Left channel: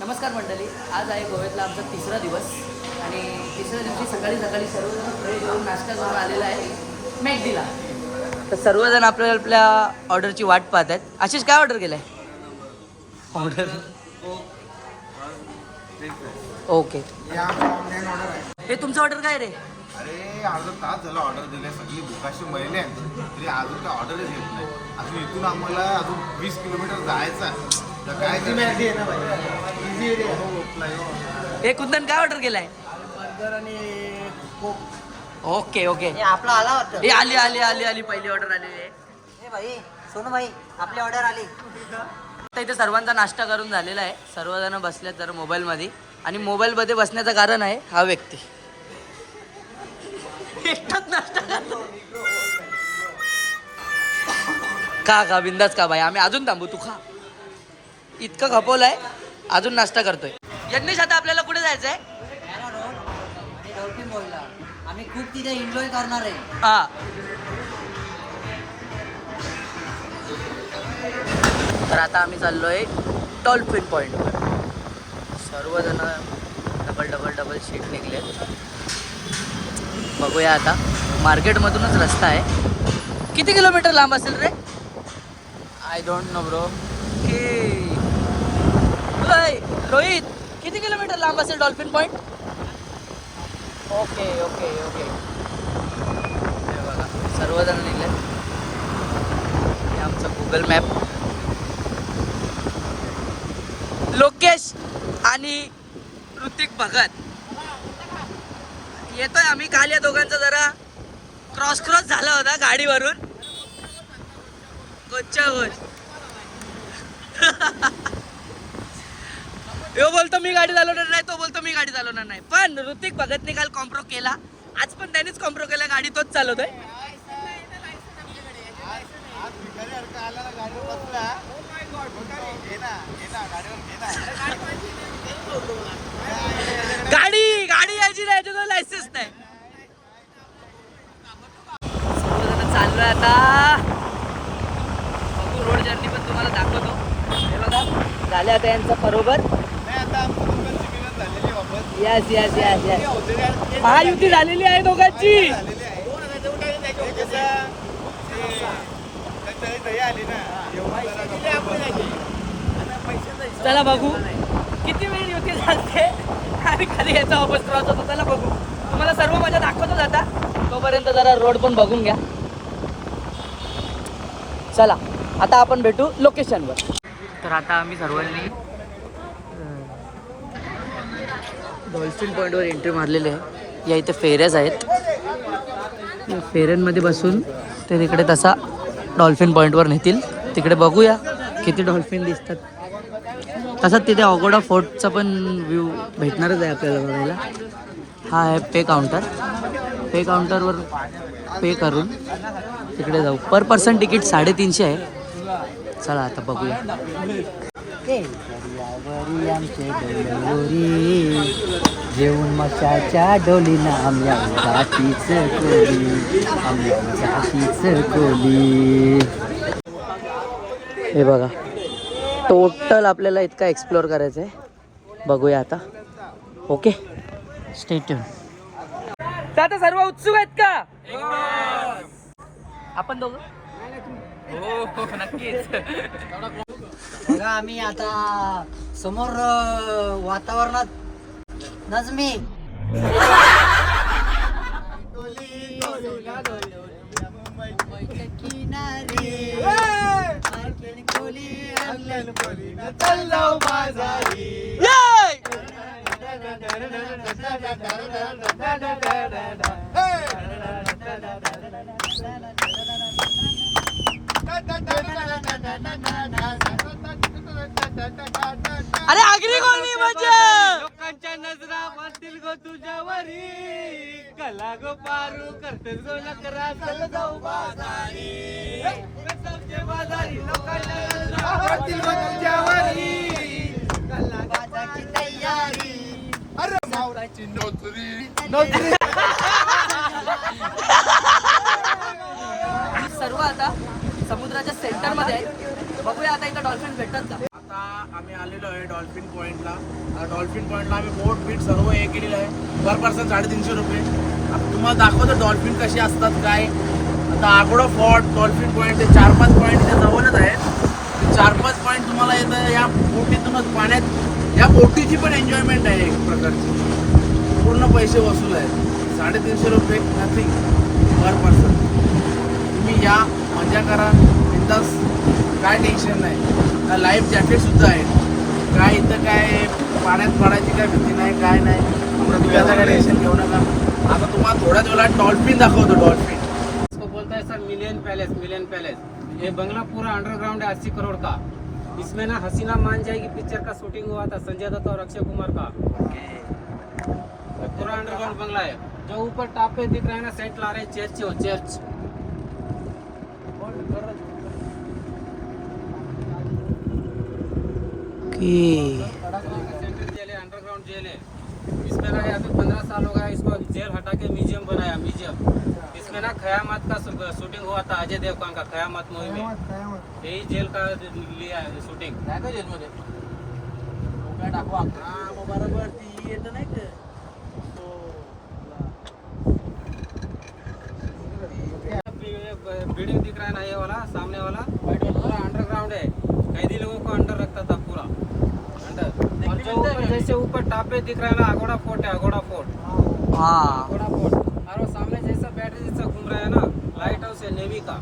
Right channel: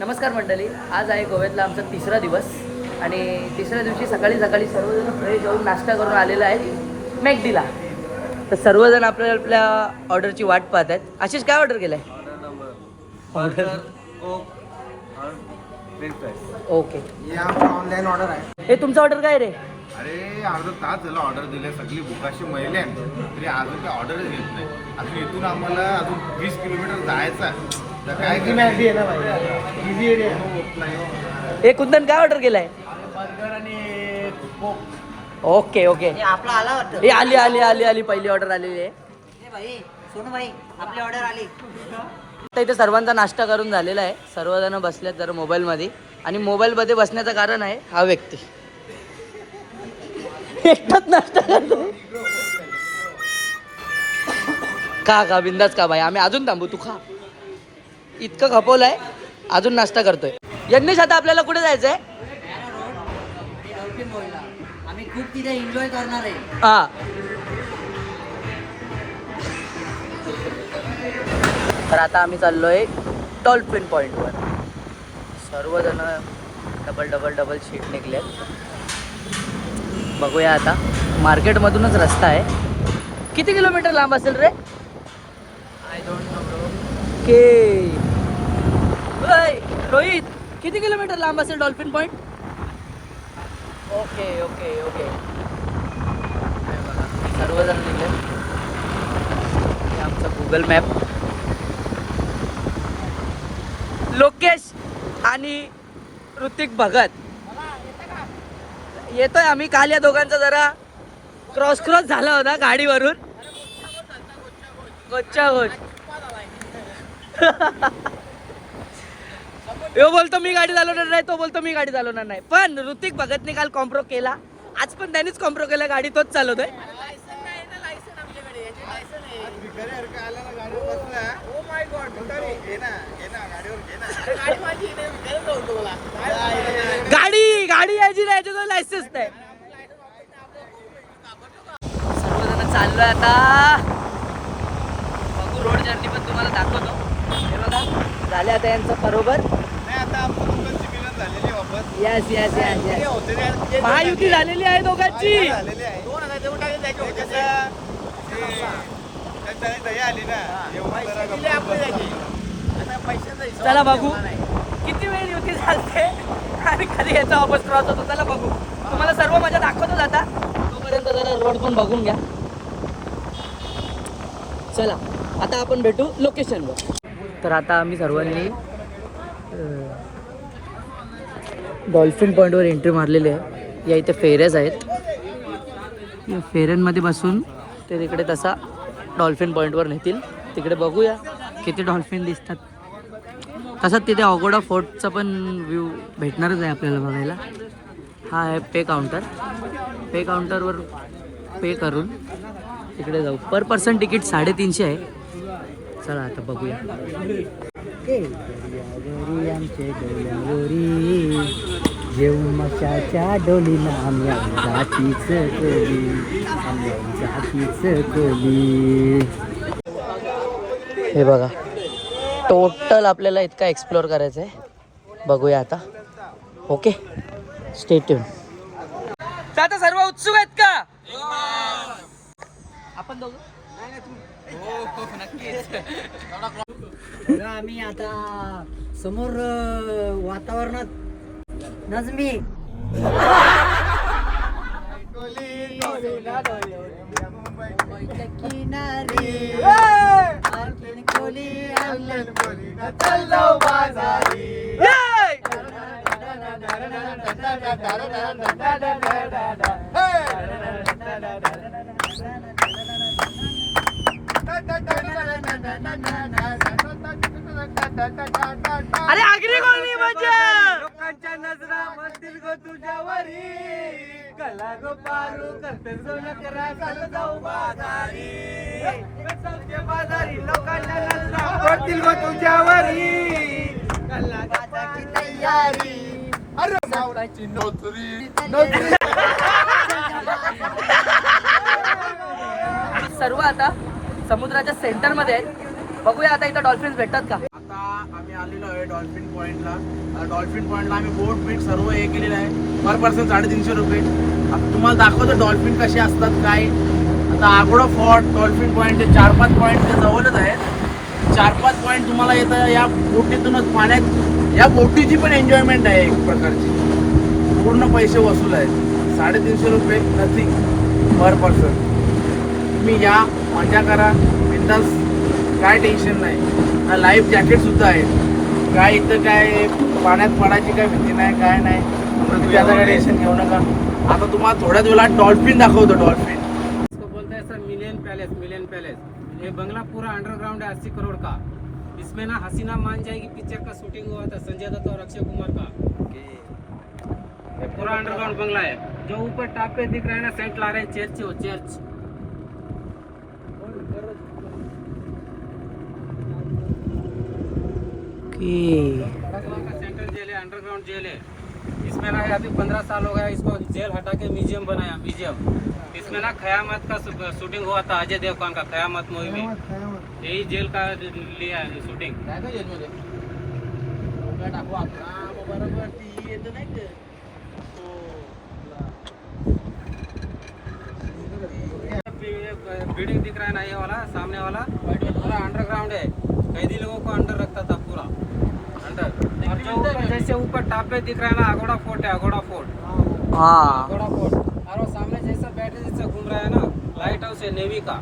नमस्कार मंडळी, आज आहे गोव्यातला आमचा तिसरा दिवस आणि तिसऱ्या दिवशी सकाळी सकाळी सर्वजण फ्रेश होऊन नाश्ता करून आलेला आहे मॅकडीला. तर सर्वजण आपल्या आपल्या ऑर्डरची वाट पाहत आहेत. आशिष काय ऑर्डर केलं आहे? ऑर्डर ओके, ऑनलाईन ऑर्डर आहे. हे तुमचं ऑर्डर काय रे? अरे अर्धा तास झाला ऑर्डर दिले, सगळी बुकाशी महिला आहेत तरी अजून काय ऑर्डरच येत नाही. अजून इथून आम्हाला अजून 20 किलोमीटर जायचं तर काय हे कुंदन काय ऑर्डर केलं आहे? बर्गर आणि कोक. ओके ओके, आपला आला वाटतं. हे आली आली आली आली पहिली ऑर्डर आलेली आहे. ए भाई सोनू भाई, आपली ऑर्डर आली. आता इथे सर्वांचा नाश्ता करून झालेला आहे. सर्वजण बसलेत जरा मोबाईलमध्ये आणि मोबाईलमध्ये बसण्याचं कारण आहे हा व्यक्ती एकटाच नाश्ता करतोय. का बिंदास का भाई, आम्ही अजून थांबू, तू खा. इतकं खपवलंय, अजून नाश्ता करतोय. यज्ञेश आता आपल्याला कुठे जायचंय? आणि डॉल्फिन बोलला आम्ही खूप तिथे एन्जॉय करणार आहे. हा, तर आता आम्ही चाललोय डॉल्फिन पॉइंटवर. सर्वजण डबल डबल डबल शीट निघलेत. बघूया आता, मार्केटमधूनच रस्ता आहे. किती किलोमीटर लांब असेल रे? I don't know bro. के रोहित, किती किलोमीटर लांब असेल dolphin point? Okay okay okay, सर्वजण लिहिले. आमचं गुगल मॅप, लोकेश आणि ऋतिक भगत येतोय. आम्ही काल या दोघांचा जरा क्रॉस झाला होता गाडीवरून. कोच्चा यो बोलतो मी गाडी चालवणार नाही, तो बोलतो मी गाडी चालवणार नाही. पण ऋतिक भगतने काल कॉम्प्रो केला, आज पण त्यानेच कॉम्प्रो केला. गाडी तोच चालवतोय. गाडी यायची नाही, तुझं लायसन्स नाही. सर्वजण चाललोय आता. बघू, रोड जर्नी पण तुम्हाला दाखवतो. हे बघा, झाले आता यांचं बरोबर. Yes yes yes yes, Mahayuti झालेली आहे दोघांची. चला बघू किती वेळ युती चालते आणि कधी याचा वापस क्रॉस होतो. चला बघू, तुम्हाला सर्व मजा दाखवतो जाता. तोपर्यंत जरा रोड पण बघून घ्या. चला आता आपण भेटू लोकेशनवर. तर आता आम्ही सर्वांनी डॉल्फिन पॉईंटवर एंट्री मारलेली आहे. या इथे फेऱ्याच आहेत. या फेऱ्यांमध्ये बसून ते तिकडे तसा डॉल्फिन पॉईंटवर नेतील. तिकडे बघूया किती डॉल्फिन दिसतात. तसंच तिथे ऑगोडा फोर्टचा पण व्ह्यू भेटणारच आहे आपल्याला बघायला. हा आहे पे काउंटर. पे काउंटरवर पे करून तिकडे जाऊ. पर पर्सन तिकीट 350 आहे. चला आता बघूया. जेवण मशाच्या डोलीना आम्ही जातीच कोली, आम्ही जातीच कोली. हे बघा, टोटल आपल्याला इतका एक्सप्लोअर करायचं आहे. बघूया आता. Okay, stay tune. आता सर्व उत्सुक आहेत का? आपण दोघं हो नक्कीच. बघा आम्ही आता समोर वातावरणात नजमी किनारी कोली अरे आगरी कोणी मजा. लोकांच्या नजरा बसतील गो तुझ्यावरी, कला गो पारू करतेस गो नकरा सलगाव बाजारी. सौचे बाजारी लोकांच्या नजरा बसतील गो तुझ्यावरी, कलागाची तयारी. सर्व आता समुद्राच्या सेंटर मध्ये आहेत. बघूया आता इथं डॉल्फिन भेटतात का. आता आम्ही आलेलो आहे डॉल्फिन पॉईंटला. डॉल्फिन पॉईंटला आम्ही बोट बीट सर्व हे केलेलं आहे. पर पर्सन 350 रुपये. आता तुम्हाला दाखवतो डॉल्फिन कसे असतात काय. आता आगोडा फोर्ट डॉल्फिन पॉईंटचे 4-5 पॉईंट जवळच आहे. 4-5 पॉईंट तुम्हाला येतं या बोटीतूनच पाण्यात. या बोटीची पण एन्जॉयमेंट आहे एक प्रकारची. पूर्ण पैसे वसूल आहेत. 350 रुपये नथिंग पर पर्सन. तुम्ही या मजा करा बिंदास. काय टेन्शन नाही. लाईफ जॅकेट सुद्धा आहेत. काय इथं काय पाण्यात पडायची काय भीती नाही काय नाही. तुम्ही आता काय टेन्शन घेऊ नका. आता तुम्हाला थोड्याच वेळात डॉल्फिन दाखवतो. डॉल्फिन इसको बोलता है सर मिलियन पैलेस. ये बंगला पूरा अंडरग्राउंड है 80 करोड़ का. इसमें ना हसीना मान जाएगी पिक्चर का शूटिंग हुआ था संजय दत्त और अक्षय कुमार का. ये पूरा अंडरग्राउंड बंगला है. जो ऊपर टॉप पे दिख रहा है ना सेंट ला रहे चर्च हो चर्च. सेंट्रल जेल है अंडरग्राउंड जेल है. इसमें ना अभी 15 साल हो गया इसको जेल हटा के म्यूजियम बनाया म्यूजियम. इसमें ना क़यामत का शूटिंग हुआ था अजय देवगन का क़यामत मूवी में. यही जेल का लिया है शूटिंग. बिल्डिंग दिख रहा है ना ये वाला सामने वाला पूरा अंडरग्राउंड है. कैदी लोगों को अंडर रखता था पूरा अंडर. और जो ऊपर जैसे ऊपर टॉप पे दिख रहा है ना अगोड़ा फोर्ट है. अगोड़ा फोर्ट हाँ अगोड़ा फोर्ट. और वो सामने जैसा बैटरी जैसा घूम रहा है ना लाइट हाउस है नेवी का.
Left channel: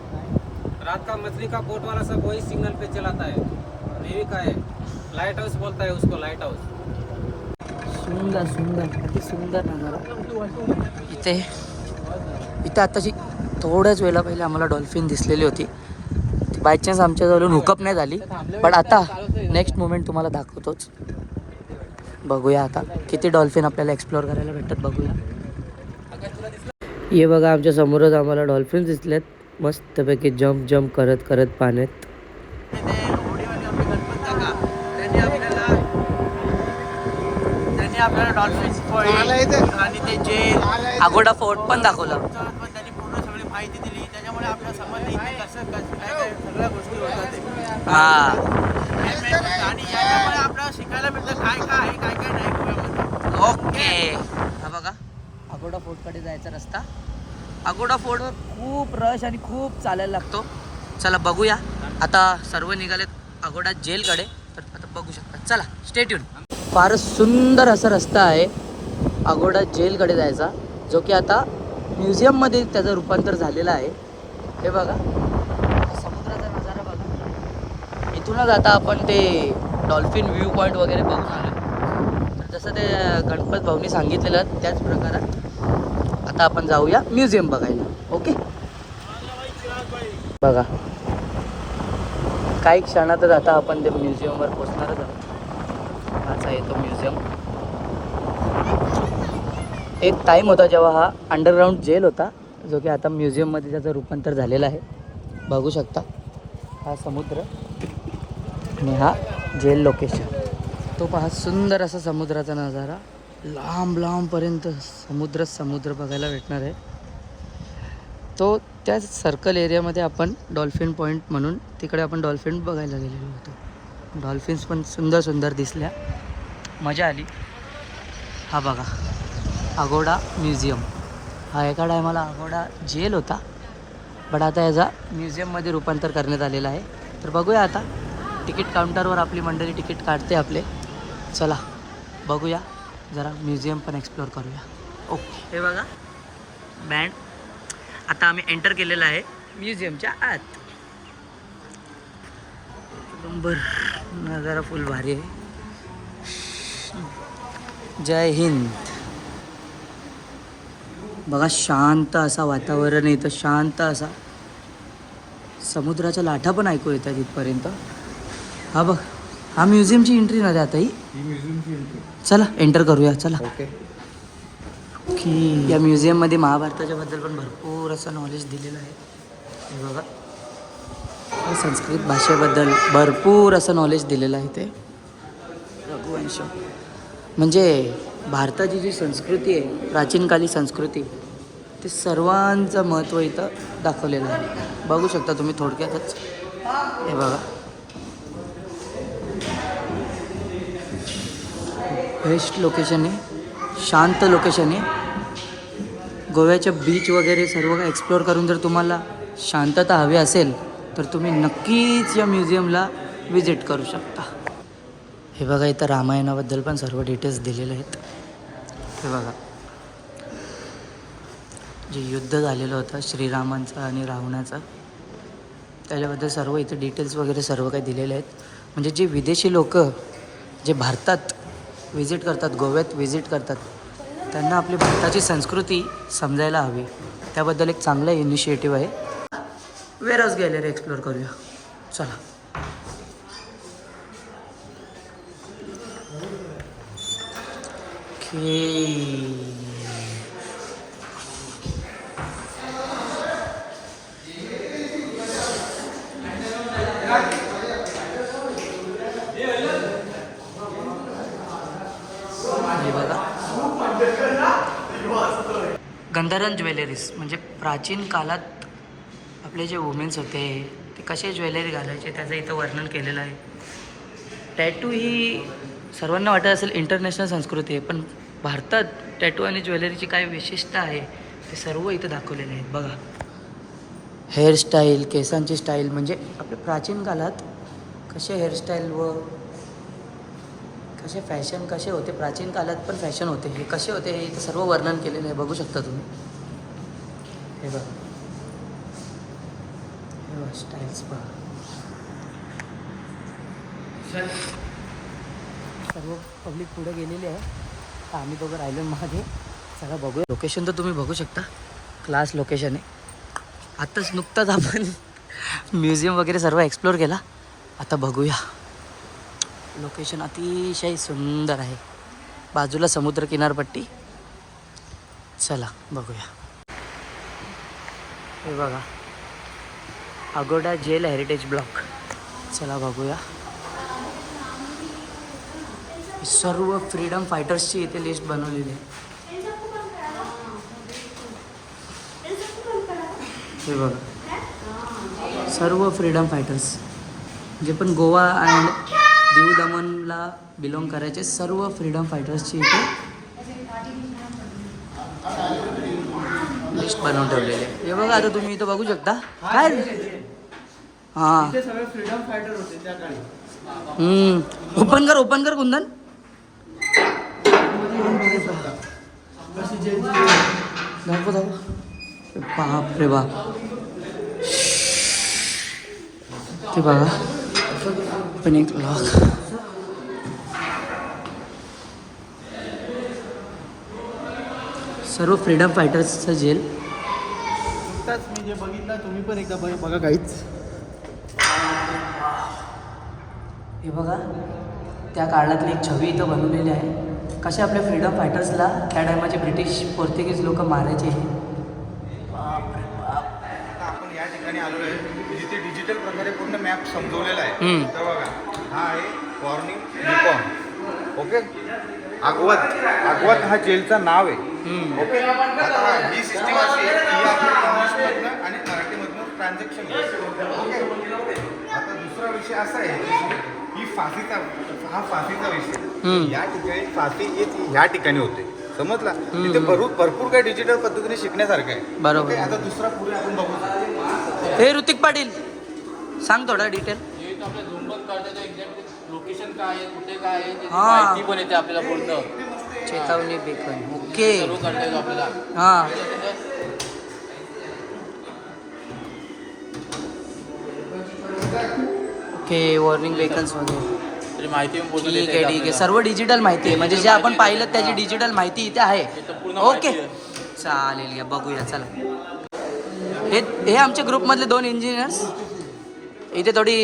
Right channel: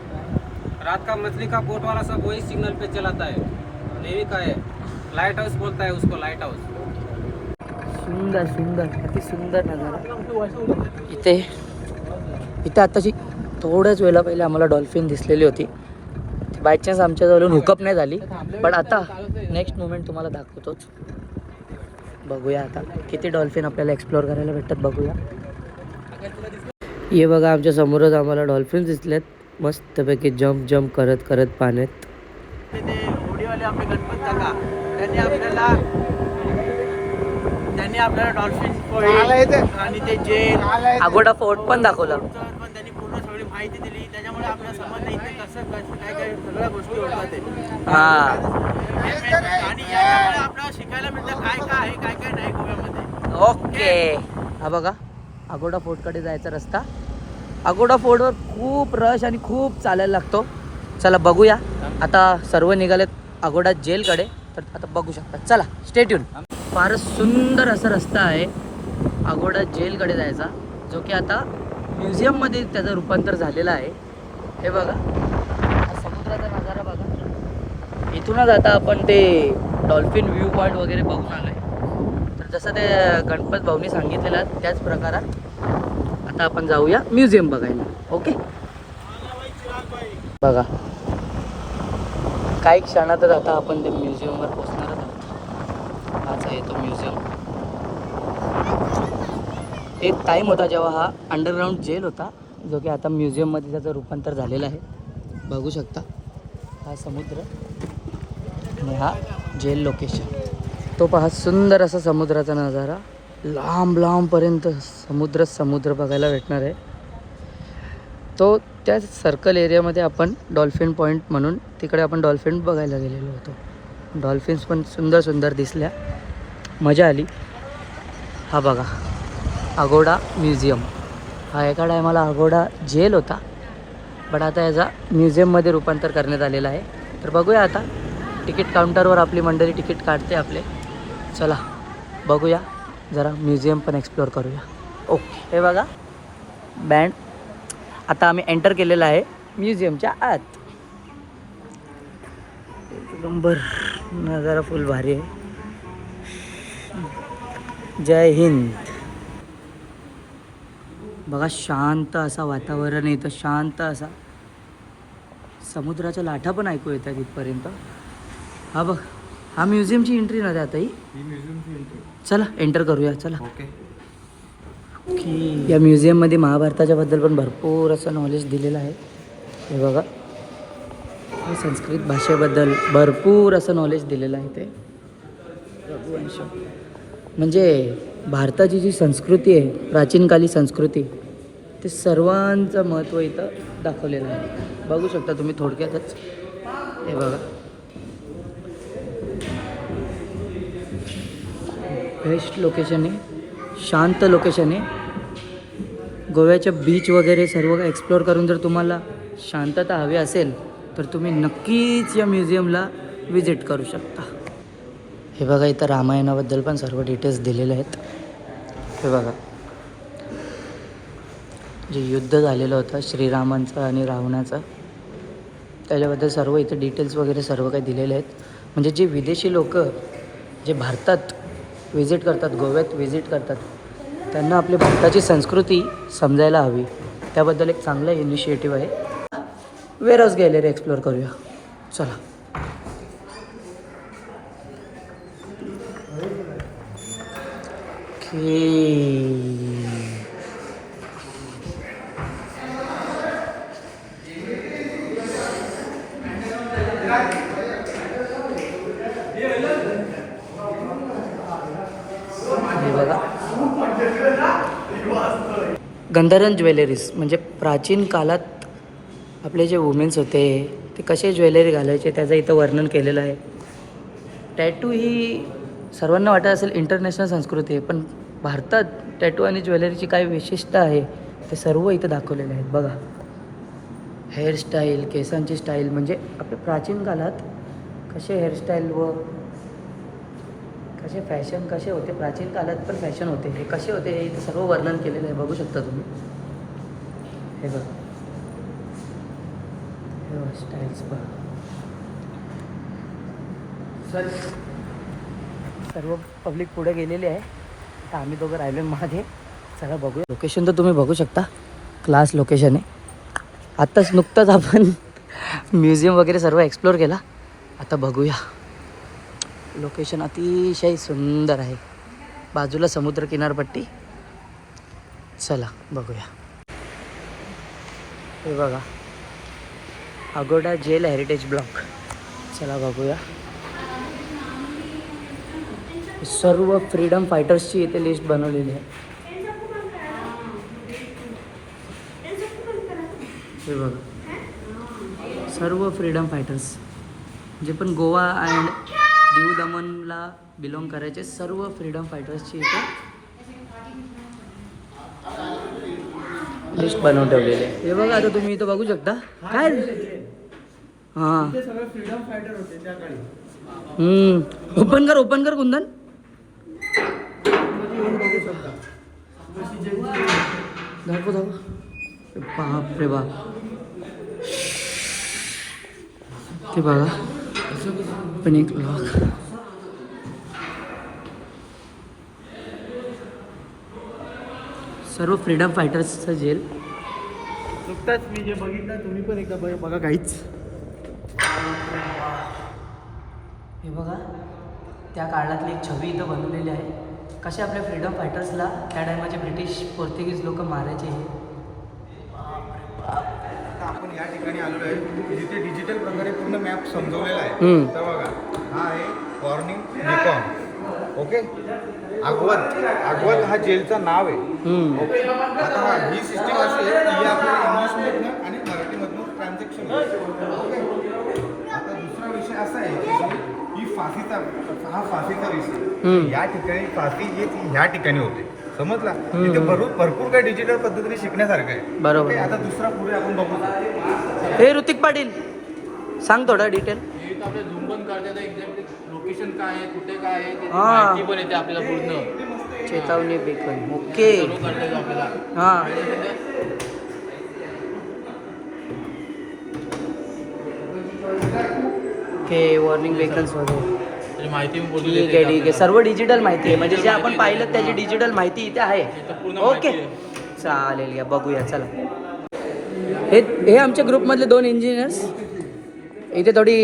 रात का मछली का बोट वाला सब वही सिग्नल पे चलाता है. नेवी का है. लाइट हाउस बोलता है उसको लाइट हाउस. सुंदर सुंदर किती सुंदर नजारा. इथे इथे आताची थोड्याच वेळा पहिले आम्हाला डॉल्फिन दिसलेली होती. ती बाय चान्स आमच्याजवळून हुकअप नाही झाली. पण आता नेक्स्ट मोमेंट तुम्हाला दाखवतोच. बघूया आता किती डॉल्फिन आपल्याला एक्सप्लोअर करायला भेटतात बघूया. हे बघा आमच्या समोरच आम्हाला डॉल्फिन दिसलेत मस्तपैकी जम्प करत करत पाण्यात. होडीवाले आपले गणपत काका त्यांनी आपल्याला डॉल्फिन पॉईंट आणि ते जेल अगोडा फोर्ट पण दाखवला. पण त्यांनी पूर्ण सगळी माहिती दिली. त्याच्यामुळे आपल्या समजलं इथे कसं काय काय सगळ्या गोष्टी होतात ते. हा हे मेन गोष्ट. आणि याच्यामुळे आपल्याला शिकायला मिळतं काय काय आहे काय काय नाही गोव्यामध्ये. ओके. हा बघा अगोडा फोर्टकडे जायचा रस्ता. अगोडा फोर्टवर खूप रश आणि खूप चालायला लागतो. चला बघूया. आता सर्व निघालेत अगोडा जेलकडे. तर आता बघू शकता. चला स्टे ट्यून. फारच सुंदर असा रस्ता आहे अगोडा जेलकडे जायचा जो की आता म्युझियममध्ये त्याचं रूपांतर झालेलं आहे. हे बघा समुद्राचा नजारा बघा. इथूनच आता आपण ते डॉल्फिन व्ह्यू पॉईंट वगैरे बघून आलो. तर जसं ते गणपत भाऊनी सांगितलेलं त्याच प्रकारात आता आपण जाऊया म्युझियम बघायला. ओके बघा काही क्षणातच आता आपण त्या म्युझियमवर पोचणारच आहोत. हाच आहे तो म्युझियम. एक टाईम होता जेव्हा हा अंडरग्राऊंड जेल होता जो की आता म्युझियममध्ये त्याचं रूपांतर झालेलं आहे. बघू शकता हा समुद्र आणि हा जेल लोकेशन. तो पहा सुंदर असा समुद्राचा नजारा. लांब लांबपर्यंत समुद्र बघायला भेटणार आहे. तो त्याच सर्कल एरियामध्ये आपण डॉल्फिन पॉईंट म्हणून तिकडे आपण डॉल्फिन बघायला गेलेलो होतो. डॉल्फिन्स पण सुंदर सुंदर दिसल्या. मजा आली. हा बघा अगोडा म्युझियम. हा एका टायमाला अगोडा जेल होता बट आता याचा म्युझियममध्ये रूपांतर करण्यात आलेलं आहे. तर बघूया आता तिकीट काउंटरवर आपली मंडळी तिकीट काढते आपले. चला बघूया जरा म्युझियम पण एक्सप्लोअर करूया. ओके हे बघा बँड. आता आम्ही एंटर केलेला आहे म्युझियमच्या आत. एक नंबर नजारा फुल भारी आहे. जय हिंद. बघा शांत असा वातावरण आहे इथं. शांत असा समुद्राच्या लाटा पण ऐकू येतात इथपर्यंत. हा बघ हा म्युझियमची एंट्री ना आता ही म्युझियमची एंट्री. चला एंटर करूया. चला ओके. की या म्युझियममध्ये महाभारताच्या बद्दल पण भरपूर असं नॉलेज दिलेलं आहे. हे बघा संस्कृत भाषेबद्दल भरपूर असं नॉलेज दिलेलं आहे. ते रघुवंश म्हणजे भारताची जी संस्कृती आहे प्राचीनकाली संस्कृती ते सर्वांचं महत्त्व इथं दाखवलेलं आहे. बघू शकता तुम्ही थोडक्यातच. हे बघा बेस्ट लोकेशन आहे, शांत लोकेशन आहे. गोव्याच्या बीच वगैरे सर्व एक्सप्लोअर करून जर तुम्हाला शांतता हवी असेल तर तुम्ही नक्कीच या म्युझियमला विजिट करू शकता. हे बघा इथं रामायणाबद्दल पण सर्व डिटेल्स दिलेले आहेत. हे बघा जे युद्ध झालेलं होतं श्रीरामांचं आणि रावणाचं त्याच्याबद्दल सर्व इथे डिटेल्स वगैरे सर्व काही दिलेले आहेत. म्हणजे जे विदेशी लोक जे भारतात विजिट करतात, गोव्यात विजिट करतात, त्यांना आपली भारताची संस्कृती समजायला हवी. त्याबद्दल एक चांगला इनिशिएटिव्ह आहे. वेअर हाऊस गॅलरी एक्सप्लोअर करूया चला. हे बघा गंधर्व ज्वेलरीज म्हणजे प्राचीन काळात आपले जे वुमेन्स होते ते कसे ज्वेलरी घालायचे त्याचं इथं वर्णन केलेलं आहे. टॅटू ही सर्वांना वाटत असेल इंटरनॅशनल संस्कृती आहे, पण भारतात टॅटू आणि ज्वेलरीची काय विशेषता आहे ते सर्व इथं दाखवलेले आहेत. बघा हेअरस्टाईल, केसांची स्टाईल, म्हणजे आपल्या प्राचीन काळात कसे हेअरस्टाईल व कसे फॅशन कसे होते, प्राचीन काळात पण फॅशन होते, हे कसे होते हे इथे सर्व वर्णन केलेलं आहे. बघू शकता तुम्ही. हे बघा हे बघा स्टाईल्स बघा. सर्व पब्लिक पुढे गेलेली आहे तर आम्ही दोघं राहिलो मागे. सगळं बघूया. लोकेशन तर तुम्ही बघू शकता, क्लास लोकेशन आहे. आत्ताच नुकताच आपण म्युझियम वगैरे सर्व एक्सप्लोअर केला. आता बघूया. लोकेशन अतिशय सुंदर आहे, बाजूला समुद्र किनारपट्टी. चला बघूया. हे बघा अगोडा जेल हेरिटेज ब्लॉक. चला बघूया. सर्व फ्रीडम फायटर्सची इथे लिस्ट बनवलेली आहे. हे बघा सर्व फ्रीडम फायटर्स जे पण गोवा अँड दीव दमनला बिलॉंग करायचे सर्व फ्रीडम फायटर्सची इथे लिस्ट बनवून ठेवलेली आहे. हे बघा आता तुम्ही इथं बघू शकता. काय हां फ्रीडम फायटर होते त्या काळी. ओपन कर कुंदन. दाखव बाप रे बाप. ते बघा पण एक लॉक. सर्व फ्रीडम फायटर्सचं जेल. नुकताच मी जे बघितलं तुम्ही पण एकदा बघा काहीच. हे बघा त्या काळातली एक छवी इथं बनवलेली आहे. कसे आपल्या फ्रीडम फायटर्सला त्या टायमाचे ब्रिटिश पोर्तुगीज लोक मारायचे. आता आपण या ठिकाणी आलो आहे जिथे डिजिटल प्रकारे पूर्ण मॅप समजवलेला आहे. तर बघा हा आहे वॉर्निंग बीकॉन. ओके अगवत हा जेलचं नाव आहे. ओके आता ही सिस्टीम अशी आहे की ही आपल्याला इंग्लिशमधनं आणि मराठीमधनं ट्रान्झॅक्शन होते. ओके आता दुसरा विषय असा आहे की हा फाशीचा विषय. या ठिकाणी फाशी ह्या ठिकाणी होते समजला. तिथे भरपूर काही डिजिटल पद्धतीने शिकण्यासारखं आहे. बरोबर. आता दुसरा पुढे आपण बघू. हे ऋतिक पाटील सांग थोडा डिटेल. आपल्या झूम पण काढतात एक्झॅक्ट लोकेशन काय आहे कुठे काय आहे हां. माहिती पण येते आपल्याला पूर्ण. चेतावणी बेकन. ओके आपल्याला हां ओके वॉर्निंग बेकन्स वगैरे माहिती ठीक आहे. सर्व डिजिटल माहिती आहे म्हणजे जे आपण पाहिलं त्याची डिजिटल माहिती इथे आहे. ओके चालेल घ्या बघूया. चला हे आमच्या ग्रुपमधले 2 इंजिनियर्स इथे थोडी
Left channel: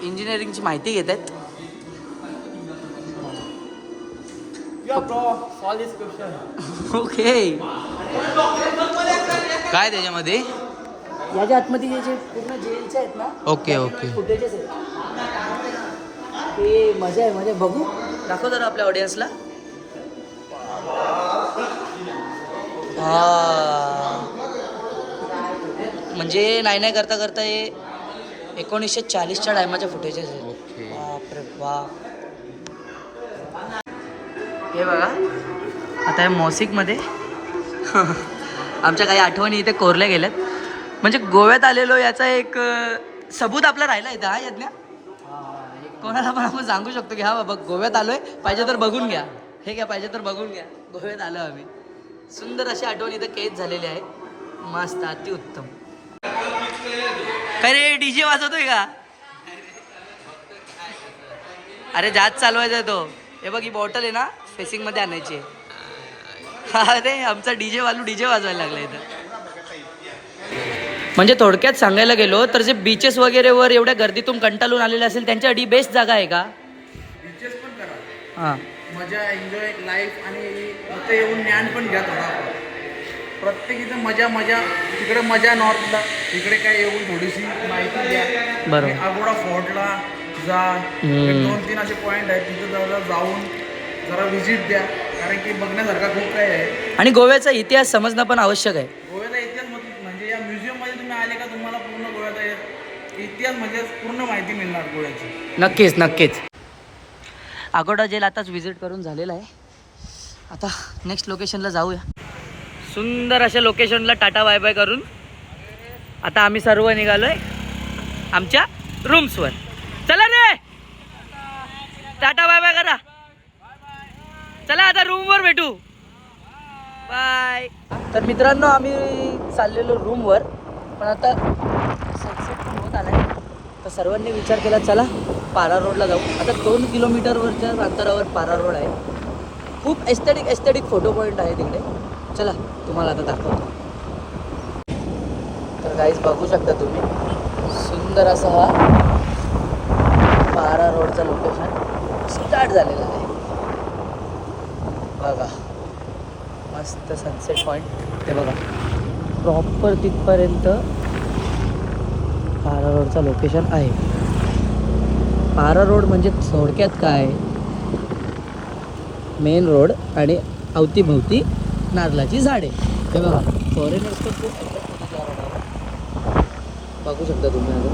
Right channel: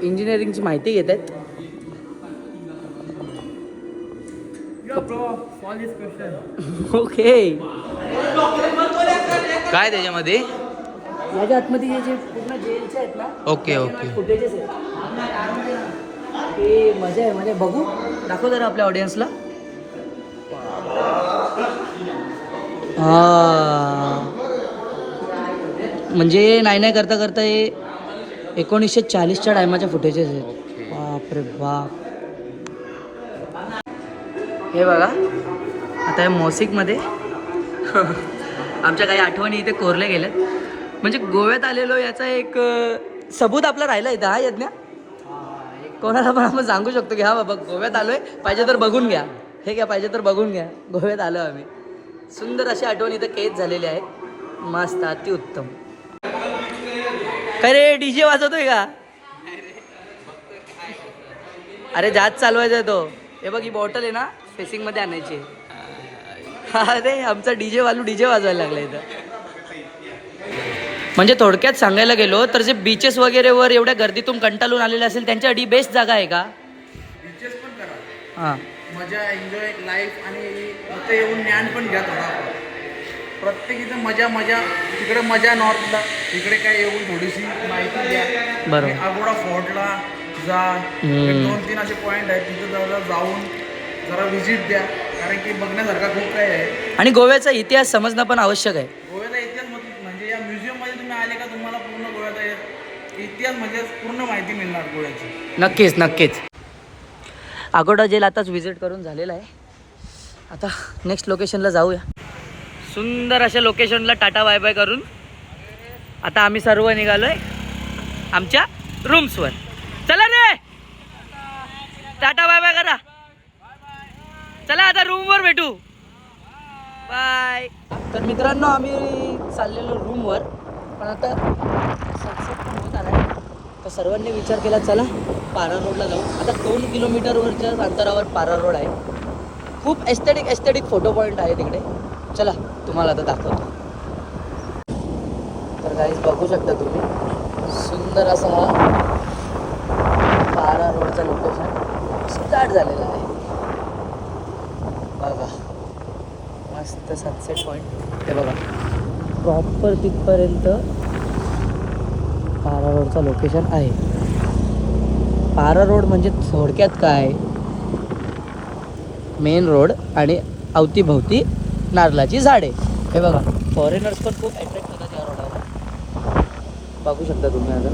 इंजिनिअरिंगची माहिती घेत आहेत. ओके काय त्याच्यामध्ये याच्या आतमध्ये जे पूर्ण जेलचे आहेत ना. ओके फुटेजेस आहेत ते मजा आहे. म्हणजे बघू दाखव जरा आपल्या ऑडियन्सला. हां म्हणजे नाही करता करता हे 1940च्या टायमाचे फुटेजेस आहेत. बापरे बाप. हे बघा आता या मोसिकमध्ये आमच्या काही आठवणी इथे कोरल्या गेल्यात. म्हणजे गोव्यात आलेलो याचा एक सबूत आपला राहिला इथं. हा यज्ञ कोणाला पण आपण सांगू शकतो की हा बाबा गोव्यात आलोय, पाहिजे तर बघून घ्या. हे घ्या, पाहिजे तर बघून घ्या, गोव्यात आलो आम्ही. सुंदर अशी आठवण इथं कैद झालेली आहे. मस्त, अतिउत्तम. काय रे डीजे वाजवतोय का? अरे जास्त चालवायचा तो. हे बघ ही बॉटल आहे ना फेसिंगमध्ये आणायची आहे. अरे आमचा डीजे वाजवायला लागला इथं. म्हणजे थोडक्यात सांगायला गेलो तर जे बीचेस वगैरे वर एवढ्या गर्दीतून कंटाळून आलेले असेल त्यांच्यासाठी बेस्ट जागा आहे का? बीचेस पण करा, हां मजा, एन्जॉय लाईफ, आणि इथे येऊन ज्ञान पण घ्या थोडा. प्रत्येक इथं मजा. तिकडे मजा नॉर्थला, इकडे काय येऊन थोडीशी माहिती घ्या. बरोबर. अगोडा फोर्टला जा, 2-3 असे पॉईंट आहेत तिथं जाऊन जरा व्हिजिट द्या, कारण की बघण्यासारखा खूप काही आहे. आणि गोव्याचा इतिहास समजणं पण आवश्यक आहे. गोव्याचा इतिहास म्हणजे या म्युझियममध्ये तुम्ही आले का तुम्हाला पूर्ण गोव्याचा इतिहास म्हणजे पूर्ण माहिती मिळणार गोव्याची. नक्कीच. अगोडा जेल आताच व्हिजिट करून झालेला आहे. आता नेक्स्ट लोकेशनला जाऊया. सुंदर अशा लोकेशनला टाटा बाय बाय करून आता आम्ही सर्व निघालोय आमच्या रूम्सवर. चला रे, टाटा बाय बाय करा. चला आता रूमवर भेटू. बाय. तर मित्रांनो आम्ही चाललेलो रूमवर, पण आता सनसेट पण होत आलाय. तर सर्वांनी विचार केला चला पारा रोडला जाऊ. आता 2 किलोमीटरवरच्या अंतरावर पारा रोड आहे. खूप एस्थेटिक फोटो पॉईंट आहे तिकडे. चला तुम्हाला आता दाखवतो. तर गाईज बघू शकता तुम्ही, सुंदर असा हा पारा रोडचं लोकेशन स्टार्ट झालेलं आहे. बघा मस्त सनसेट पॉईंट बघा. प्रॉपर तिथपर्यंत पारा रोडचं लोकेशन आहे. पारा रोड म्हणजे थोडक्यात काय, मेन रोड आणि अवतीभवती नारळाची झाडे. हे बघा फॉरेनर्स पण खूप अट्रॅक्ट होतात या रोडावर. बघू शकता तुम्ही. आता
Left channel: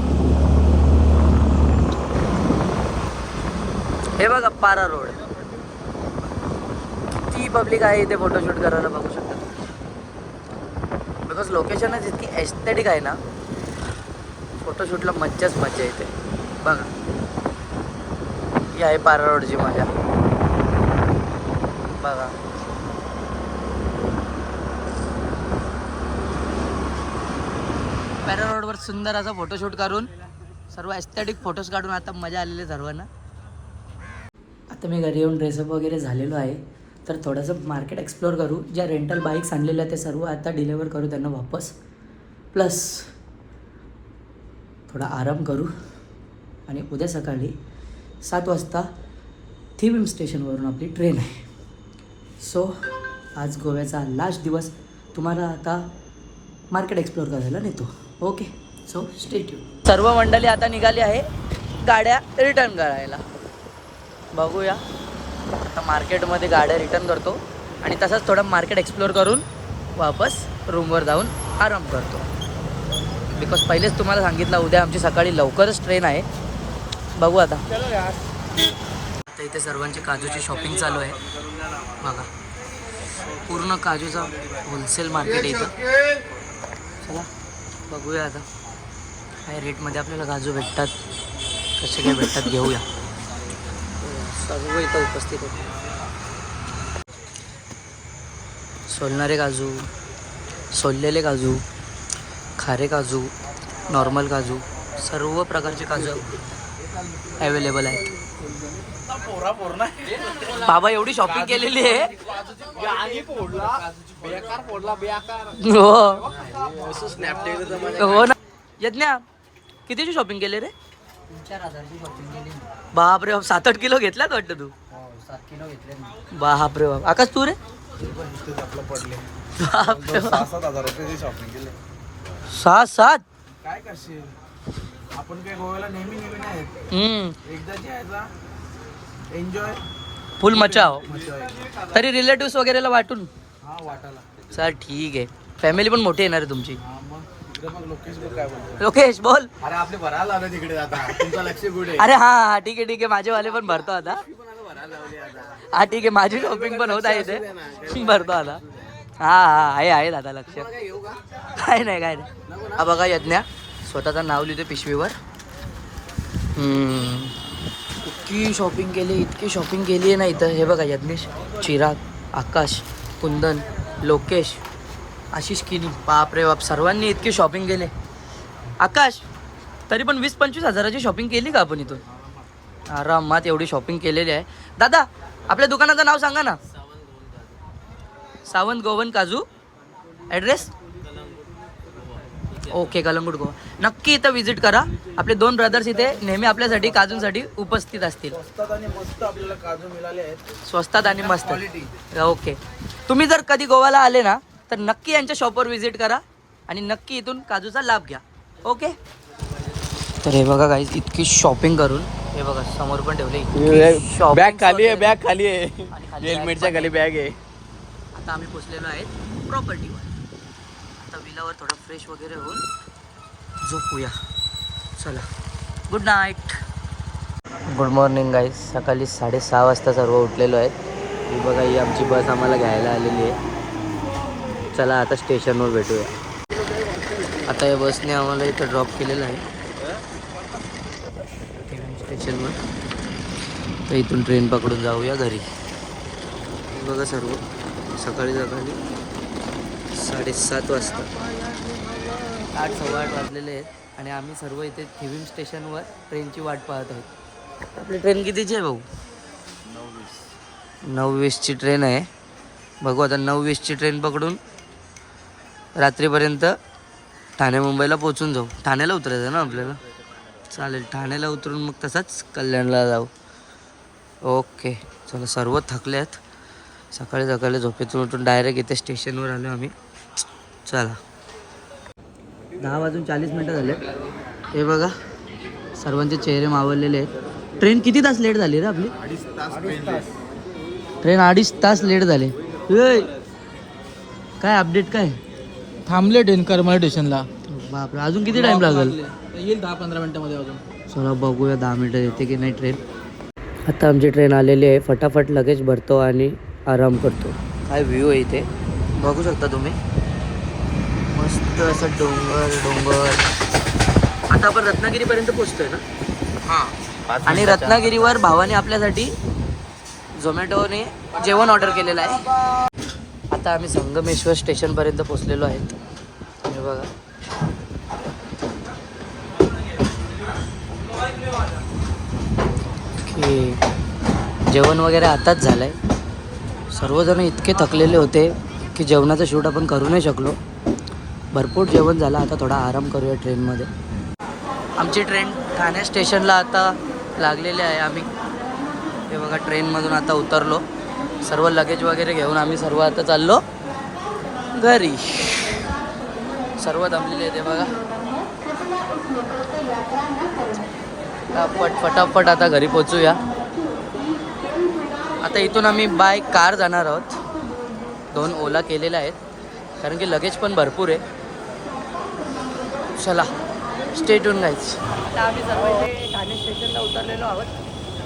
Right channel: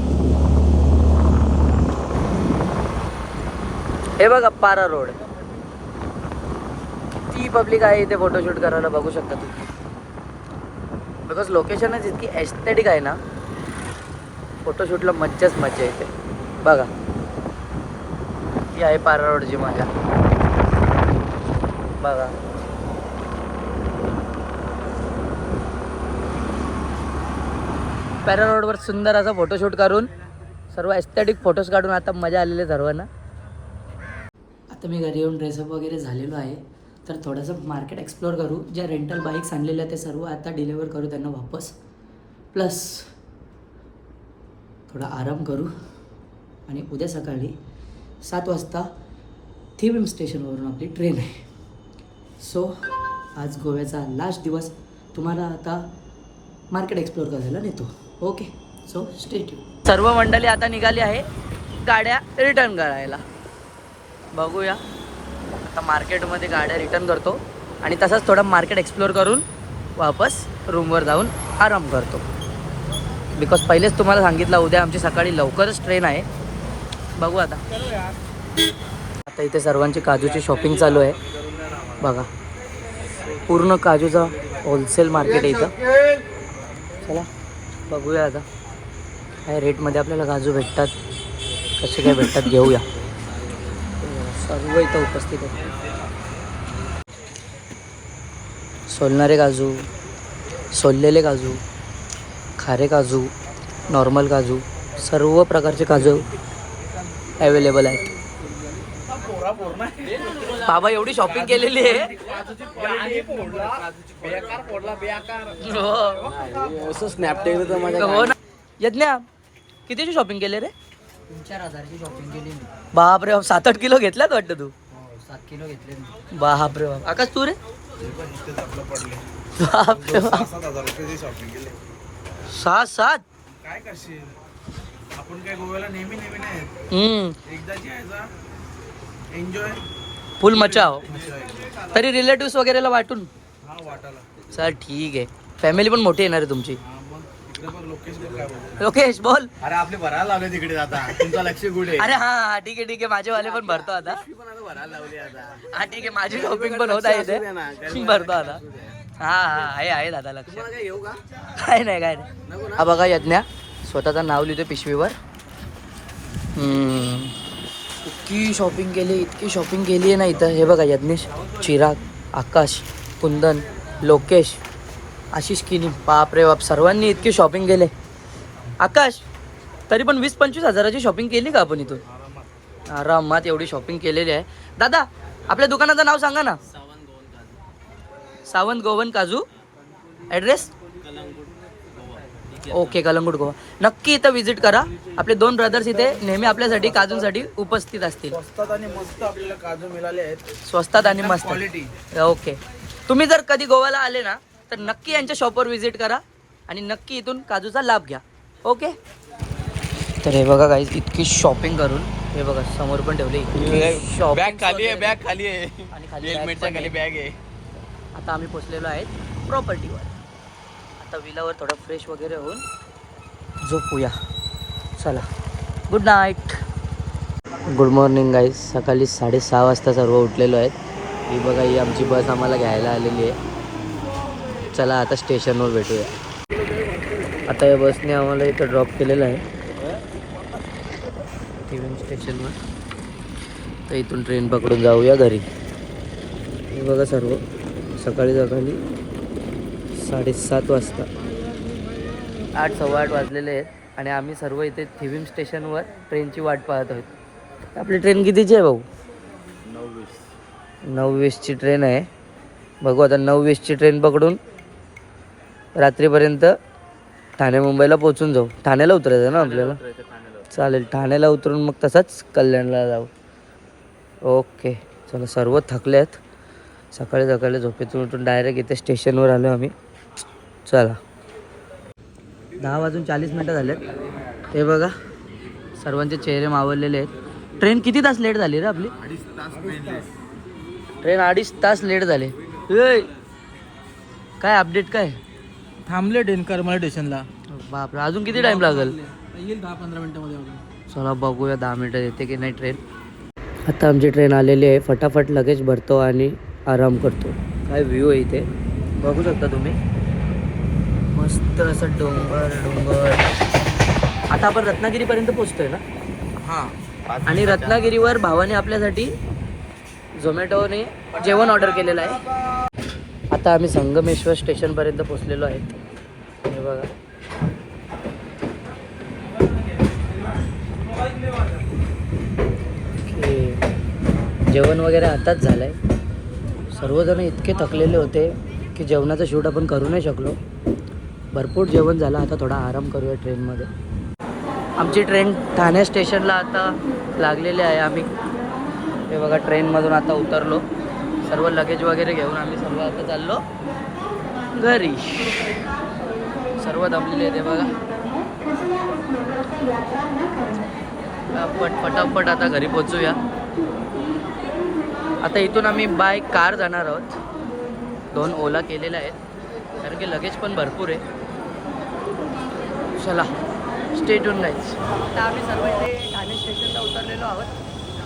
हे बघा पारा रोड, किती पब्लिक आहे इथे फोटोशूट करायला. बघू शकता तुम्ही. बिकॉज लोकेशनच इतकी एस्थेटिक आहे ना, फोटोशूटला मज्जाच मज्जा येते. बघा ही आहे पारा रोडची मजा. बघा पॅरा रोडवर सुंदर असा फोटोशूट करून सर्व एस्थेटिक फोटोज काढून आता मजा आलेली सर्वांना. आता मी घरी येऊन ड्रेसअप वगैरे झालेलो आहे. तर थोडंसं मार्केट एक्सप्लोअर करू. ज्या रेंटल बाईक्स आणलेल्या ते सर्व आता डिलेवर करू त्यांना वापस. प्लस थोडा आराम करू. आणि उद्या सकाळी 7 वाजता थिविम स्टेशनवरून आपली ट्रेन आहे. सो आज गोव्याचा लास्ट दिवस तुम्हाला आता मार्केट एक्सप्लोअर करायला नेतो. Okay, so stay tune. सर्व मंडळी आता निघाली आहे गाड्या रिटर्न करायला. बघूया आता मार्केटमध्ये गाड्या रिटर्न करतो आणि तसंच थोडं मार्केट एक्सप्लोअर करून वापस रूमवर जाऊन आराम करतो. बिकॉज पहिलेच तुम्हाला सांगितलं उद्या आमची सकाळी लवकरच ट्रेन आहे. बघू आता. आता इथे सर्वांची काजूची शॉपिंग चालू आहे. बघा पूर्ण काजूचा होलसेल मार्केट आहे इथं. चला बघूया आता काय रेटमध्ये आपल्याला काजू भेटतात, कसे काय भेटतात घेऊया. सर्व इथं उपस्थित आहे. सोलणारे काजू, सोललेले काजू, खारे काजू, नॉर्मल काजू, सर्व प्रकारचे काजू अवेलेबल आहेत. बाबा एवढी शॉपिंग केलेली आहे. हो ना यज्ञा, कितीची शॉपिंग केली रे? 3-4 हजारची शॉपिंग केली. बापरे, 7-8 किलो घेतल्यात वाटतं तू. 7 किलो घेतले. बापरे बाप. आकाश तू रे? बापरे बाप. 7,000 रुपये शॉपिंग केली. 7 काय करशील, आपण काय गोव्याला नेहमी नाही. एकदाची यायचा, एन्जॉय फुल मचाव. तरी रिलेटिव्स वगैरेला वाटून. हा वाटायला. चल ठीक आहे. फॅमिली पण मोठी येणार आहे तुमची. हा मग तिकडे मग लोकेश लोक काय बोलतात. लोकेश बोल. अरे आपले भरायला लावले तिकडे आता, तुमचा लक्ष कुठे? अरे हा ठीक आहे माझे वाले पण भरतो आता. भरायला लावली आता. हा ठीक आहे, माझी शॉपिंग पण होत आहे इथे, भरतो आता. हा हा आहे दादा लक्ष. तुम्हाला काय घेऊ का? काय नाही नको ना? हा बघा यज्ञा स्वतःचं नाव लिहितो पिशवीवर. इतकी शॉपिंग केली आहे ना इथं. हे बघा यज्ञेश, चिराग, आकाश, कुंदन, लोकेश, आशिष किनी, बाप रे बाप सर्वांनी इतकी शॉपिंग केले. आकाश तरी पण 20-25 हजाराची शॉपिंग केली का आपण इथून? आरामात एवढी शॉपिंग केलेली आहे. दादा आपल्या दुकानाचं नाव सांगा ना. सावंत गोवन काजू. Address okay, Calangute Goa. नक्की इथं व्हिजिट करा. आपले 2 ब्रदर्स इथे नेहमी आपल्यासाठी काजूंसाठी उपस्थित असतील. स्वस्तात आणि मस्त आपल्याला काजू मिळाले आहेत. स्वस्तात आणि मस्त क्वालिटी. ओके. तुम्ही जर कधी गोव्याला आले ना तर नक्की यांच्या शॉपवर व्हिजिट करा आणि नक्की इथून काजूचा लाभ घ्या. ओके. तर हे बघा गाईज इतकी शॉपिंग करून हे बघा समोर पण ठेवले. बॅग खाली आहे, बॅग खाली आहे, आणि खाली हेल्मेटच्या bag खाली पण बॅग आहे. आता आम्ही पोचलेलो आहेत प्रॉपर्टीवर. आता विलावर थोडं फ्रेश वगैरे होऊन झोपूया. चला good night. Good morning guys. सकाळी 6:30 वाजता सर्व उठलेलो आहेत. ही बघा ही आमची बस आम्हाला घ्यायला आलेली आहे. चला आता स्टेशनवर भेटूया. आता या बसने आम्हाला इथं ड्रॉप केलेलं आहे टिव्हिन स्टेशनवर. तर इथून ट्रेन पकडून जाऊया घरी. हे बघा सर्व सकाळी 7:30 वाजता 8, 8:15 वाजलेले आहेत आणि आम्ही सर्व इथे थिविम स्टेशनवर ट्रेनची वाट पाहत आहोत. आपली ट्रेन कितीची आहे भाऊ? 9:20ची ट्रेन आहे. बघू आता 9:20ची ट्रेन पकडून रात्रीपर्यंत ठाणे मुंबईला पोचून जाऊ. ठाण्याला उतरायचं ना आपल्याला? चालेल, ठाण्याला उतरून मग तसंच कल्याणला जाऊ. ओके चला. सर्व थकले आहेत. सकाळी झोपेतून उठून डायरेक्ट इथे स्टेशनवर आलो आम्ही. चला 10:40 झालेत. हे बघा सर्वांचे चेहरे मावळलेले आहेत. ट्रेन किती तास लेट झाली रे आपली? 2.5 तास पेनलेस. ट्रेन 2.5 तास लेट झाले. काय अपडेट काय? थांबले ट्रेन करमाळ स्टेशनला. बापरे, अजून किती टाइम लागेल? येईल 10-15 मिनिटांमध्ये अजून. चला बघूया 10 मिनिटं येते की नाही ट्रेन. आता आमची ट्रेन आलेली आहे. फटाफट लगेच भरतो आणि आराम करतो. काय व्ह्यू आहे इथे बघू शकता तुम्ही. मस्त असं डोंगर. आता आपण रत्नागिरीपर्यंत पोचतोय ना? हां. आणि रत्नागिरीवर भावाने आपल्यासाठी झोमॅटोने जेवण ऑर्डर केलेलं आहे. आता आम्ही संगमेश्वर स्टेशनपर्यंत पोचलेलो आहेत. हे बघा की जेवण वगैरे आताच झालं आहे. सर्वजण इतके थकलेले होते की जेवणाचं शूट आपण करू नाही शकलो. भरपूर जेवण झालं. आता थोडा आराम करूया ट्रेनमध्ये. आमची ट्रेन ठाणे स्टेशनला आता लागलेली आहे. आम्ही हे बघा ट्रेनमधून आता उतरलो. सर्व लगेज वगैरे घेऊन आम्ही सर्व आता चाललो घरी. सर्व दमलेले आहेत. हे बघा फटाफट आता घरी पोचूया. आता इथून आम्ही बाय कार जाणार आहोत. 2 ओला केलेल्या आहेत कारण की लगेज पण भरपूर आहे. चला स्टे ट्यून गाईज. आता आम्ही सर्व इथे ठाणे स्टेशनला उतरलेलो आहोत.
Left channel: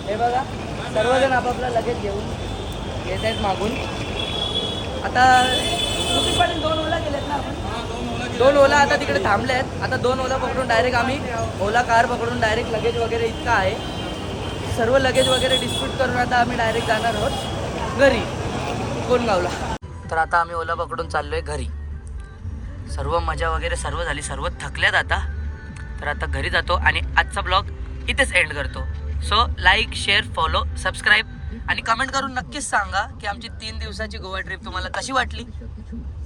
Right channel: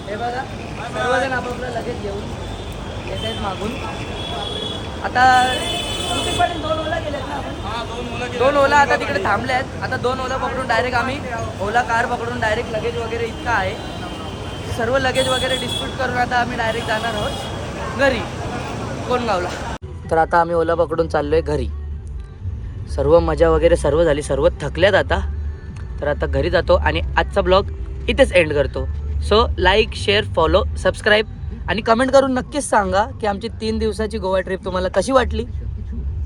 हे बघा सर्वजण आपापला लगेज घेऊन येत आहेत मागून. आता पण 2 ओला गेलेत ना आपण? 2 ओला आता तिकडे थांबले आहेत. आता 2 ओला पकडून डायरेक्ट आम्ही ओला कार पकडून डायरेक्ट लगेज वगैरे इतका आहे. सर्व लगेज वगैरे डिस्प्यूट करून आता आम्ही डायरेक्ट जाणार आहोत घरी कोणगावला. तर आता आम्ही ओला पकडून चाललो आहे घरी. सर्व मजा वगैरे सर्व झाली. सर्व थकल्यात आता. तर आता घरी जातो आणि आजचा ब्लॉग इथेच एंड करतो. So like, share, follow, subscribe आणि कमेंट करून नक्कीच सांगा की आमची 3 दिवसाची गोवा ट्रिप तुम्हाला कशी वाटली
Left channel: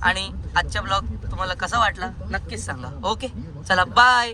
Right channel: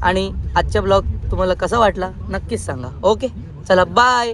आणि आजचा ब्लॉग तुम्हाला कसा वाटला नक्कीच सांगा. ओके चला बाय.